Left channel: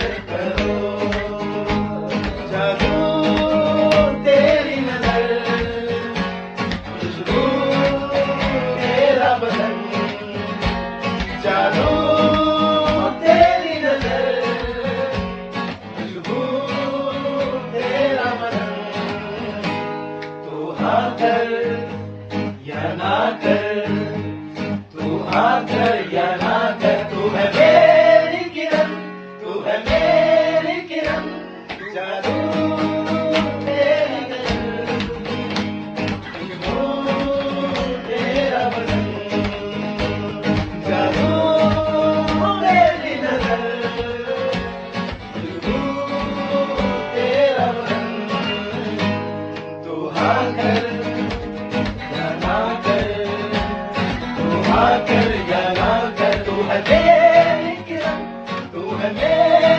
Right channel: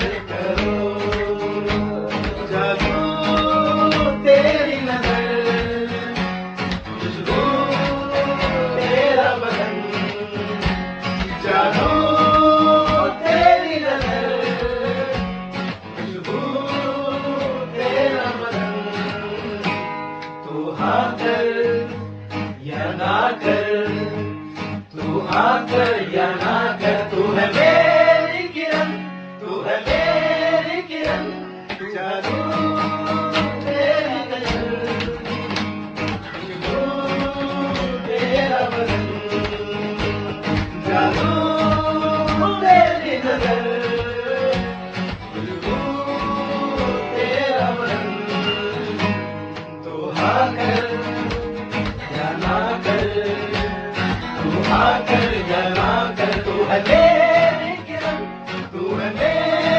प्यार करो, जादू तेरी नजर, खुशबू तेरा बदन, जानो तेरी नजर, खुशबू तेरा बदन। तू हाँ कर या ना कर, तू हाँ कर या ना कर, तू है मेरी किरण, तू है मेरी किरण, जादू